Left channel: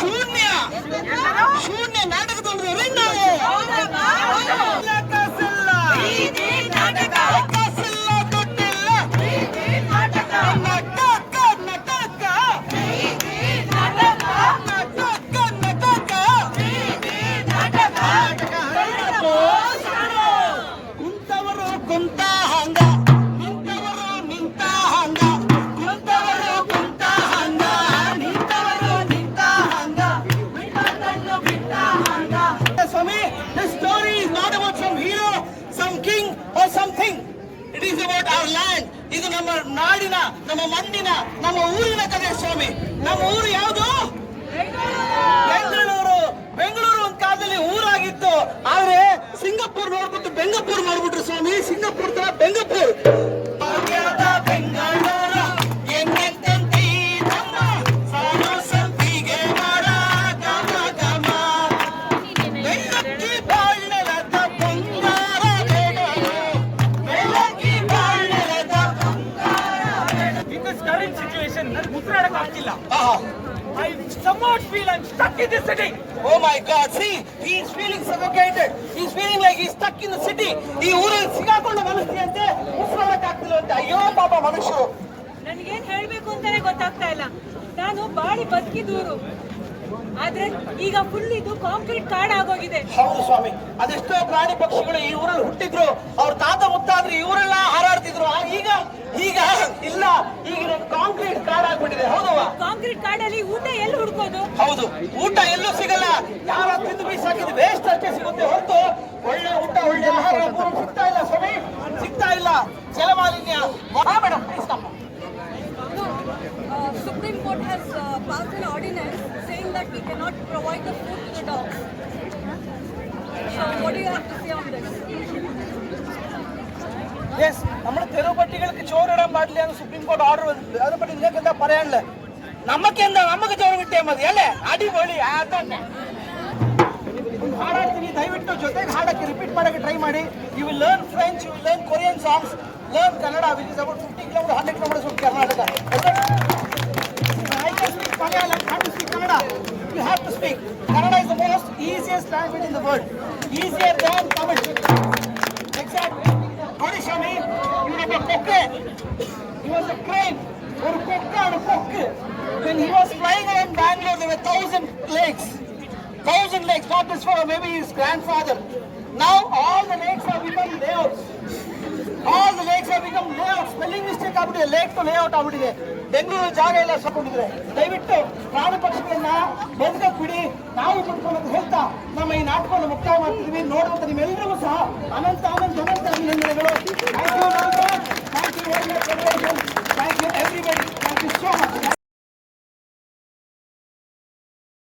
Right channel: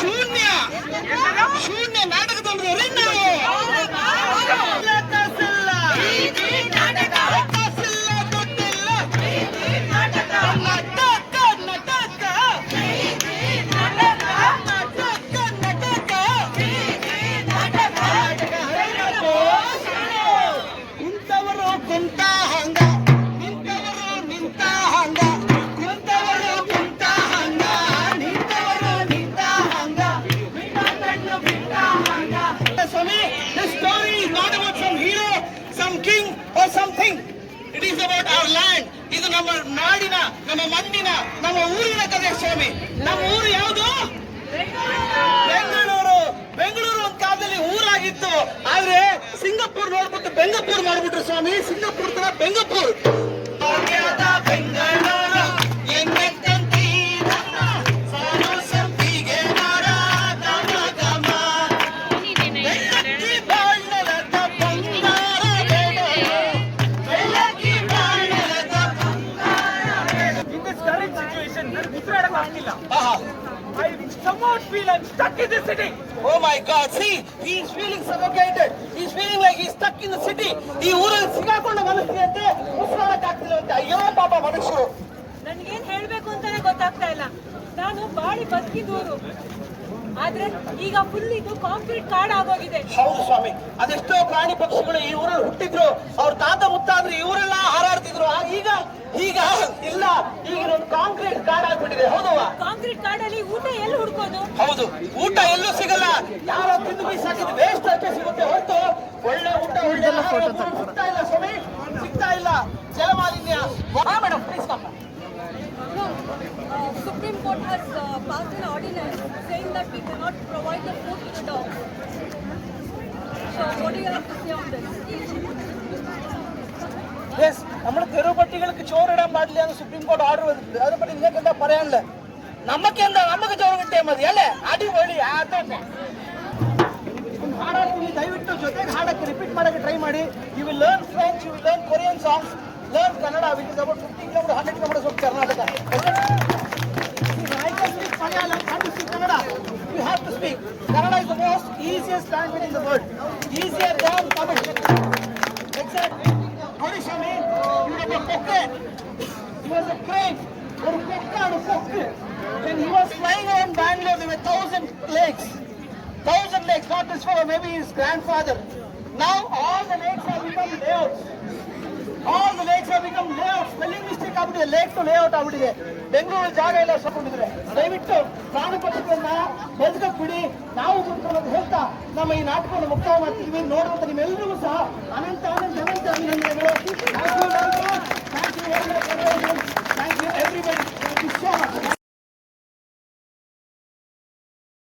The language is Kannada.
ಶೂನ್ಯ ಶೂನ್ಯ ನಾಟಕ ತಂಡದವರು ಕುಂತವರು ಕುಂತ ಹಂಗ ನಿಂತವರು ನಿಂತ ಹಂಗ ಕುಂತವರು ಕುಂತ ಹಂಗ ನಿಂತವರು ನಿಂತ ಹಂಗ ಬಿಟ್ಟ ಕಣ್ಣು ಬಿಟ್ಟ ಹಂಗ. ಸ್ವಾಮಿ, this story is not about some hero, some king or something. It is about our land. ಇದು ನಮ್ಮ ನಾಡಿನ, ನಮ್ಮ ಮಣ್ಣಿನ, ನಮ್ಮ ಊರಿನ ಕಥೆ ಸ್ವಾಮಿ. ನಮ್ಮ ಊರು ಯಾವುದು? ಬೆಂಗಳೂರು. ಬೆಂಗಳೂರು ಒಂದು ಕಾಲದಲ್ಲಿ ಊರಾಗಿತ್ತು, ಆದ್ರೆ ಸಿಂಗಾಪುರ್ ನೋಡ್ಬಿಟ್ಟು ಬೆಂಗಪುರ್ ಮಾಡ್ಬಿಟ್ರು ಸ್ವಾಮಿ. ಸಿಂಗಾಪುರ್ ತರ ಬೆಂಗಪುರ್. I somewhat feel I'm stuck in this city. Oh my God! See, he is feeling suffocated. He is feeling like he is stuck in the city. ಈ ಊರಲ್ಲಿ ಸಿಗಾಕೊಂಡು ಮನಸ್ಸಿಗೆ ಅಂತ ಉಸಿರಾಡಕ್ಕಾಗ್ತಿಲ್ಲ ಅಂತ. ಅಯ್ಯೋ ಪಾಪ ಮನುಷ್ಯರು. ನನ್ಗೇನ್ ಹೇಳ್ಬೇಕು ಅಂತಾನೆ ಗೊತ್ತಾಗ್ತಾ ಇಲ್ಲ. ನಾನು ಬಾಡಿ ಬದುಕಿದೂರು, ಆದ್ರೆ ಈಗ ಫುಲ್ ಇದು ಕಾಂಕ್ರೀಟ್ ಕಾಡ್ ಆಗೋಗಿದೆ. ಹೌದು ಸ್ವಾಮಿ, ಅದೆಷ್ಟೋ ಪ್ರಾಣಿ ಪಕ್ಷಿಗಳು ಈ ಊರಲ್ಲಿ ಹುಟ್ಟಿದ್ರು, ಅವ್ರ ತಾತ ಮುತ್ತಾದ್ರು ಈ ಊರೆಲ್ಲ ಹಾರಾಡ್ತಿದ್ರು. ಈಗ ಈಗ ಇಲ್ಲ, ಈಗಿನೊಂದು ಕಾಂಕ್ರೀಟ್ ಕಾಡ್ ಆಗ್ಬಿಟ್ಟಿದೆ. ಹೌದವಾ? ಕಾಂಕ್ರೀಟ್ ಕಾಡಲ್ಲಿ ಊಟ ಎಲ್ಲಿ ಹುಡ್ಕೋದು? ಹೌದು, ಊಟ ಎಲ್ಲೂ ಸಿಗಲ್ಲ. ಯಾರೋ ತಿಂದು ಬೀಸಾಕಿದ್ದು ವೇಸ್ಟ್ ಅಷ್ಟೇ ಸಿಗುತ್ತೆ ಹೊರತು ಒಳ್ಳೆ ಊಟ, ಒಳ್ಳೆ ಆಹಾರ ಸಿಗ್ತಾ ಇಲ್ಲ ಸ್ವಾಮಿ, ಸಿಗ್ತಾ ಇಲ್ಲ. ಜಲಮಾಲಿನ್ಯ. Madam please come. Supreme Court has passed an ordinance saying that we cannot provide the food to the dogs. So what do you have to say on this? Yes, നമ്മുടെ തെരുവുപട്ടികൾക്ക് ചോറിടാൻ പാടില്ല എന്ന് സുപ്രീം കോടതി ഓർഡർ വന്നിട്ടുണ്ട്. അതിനെപ്പറ്റി നിങ്ങൾക്ക് എന്താ പറയാനുള്ളത്? നമുക്ക് ചോറ് കിട്ടിയാൽ മതി അല്ലേ? അടിപൊളി. അതന്നെ ಹಾಡಾಡ್ತೀನಿ, ದಯವಿಟ್ಟು ಜೊತೆಗೆ ಹಾಡಕ್ಕೆ ರಿಪೀಟ್ ಮಾಡಕ್ಕೆ ಟ್ರೈ ಮಾಡಿ. You will learn French, you will learn Korean songs, learn Kannada, which is about 50 kilometers, 100 kilometers from Karnataka. I can speak Malayalam, can't you speak Kannada? You have to speak. Kannada is the most easiest language in the world. Easier than Tamil. Exactly. Nodi Swami, you have a cocker. He was a crane. Or a cocker and a cocker. When he was flying around Bangalore, there were 1,000 lakes. 1,000 lakes, not this fellow, maybe his grandfather. Now all the lakes have become layouts. All the lakes have become layouts. Spelling mistake ಆಗ್ಬಿಟ್ಟಿದೆ, ಲೇಕ್ ಟು ಲೇಔಟ್ ಆಗ್ಬಿಟ್ಟಿದೆ. ಬೆಂಗಳೂರು ಜಾಗ ಎಲ್ಲ ಸಕೊಂಡಿದ್ರೆ ದಯವಿಟ್ಟು ಪ್ರಾಣಿ ಪಕ್ಷಿಗಳನ್ನ ಬದುಕಕ್ಕೆ ಬಿಡಿ, ನಾವು ಬದುಕೊಳ್ಳೋದು ಹೇಳ್ತಾ ನಮ್ಮ ಈ ನಾಟಕವನ್ನು ಮುಕ್ತಾಯ ಮಾಡ್ತಿದ್ವಿ. ನೋಡುವಂತ ನಿಮ್ಮೆಲ್ಲರಿಗೂ ಸಹ ಅನಂತ ಅಭಿನಂದನೆಗಳು. Thank you, thank you everybody, thank you so much.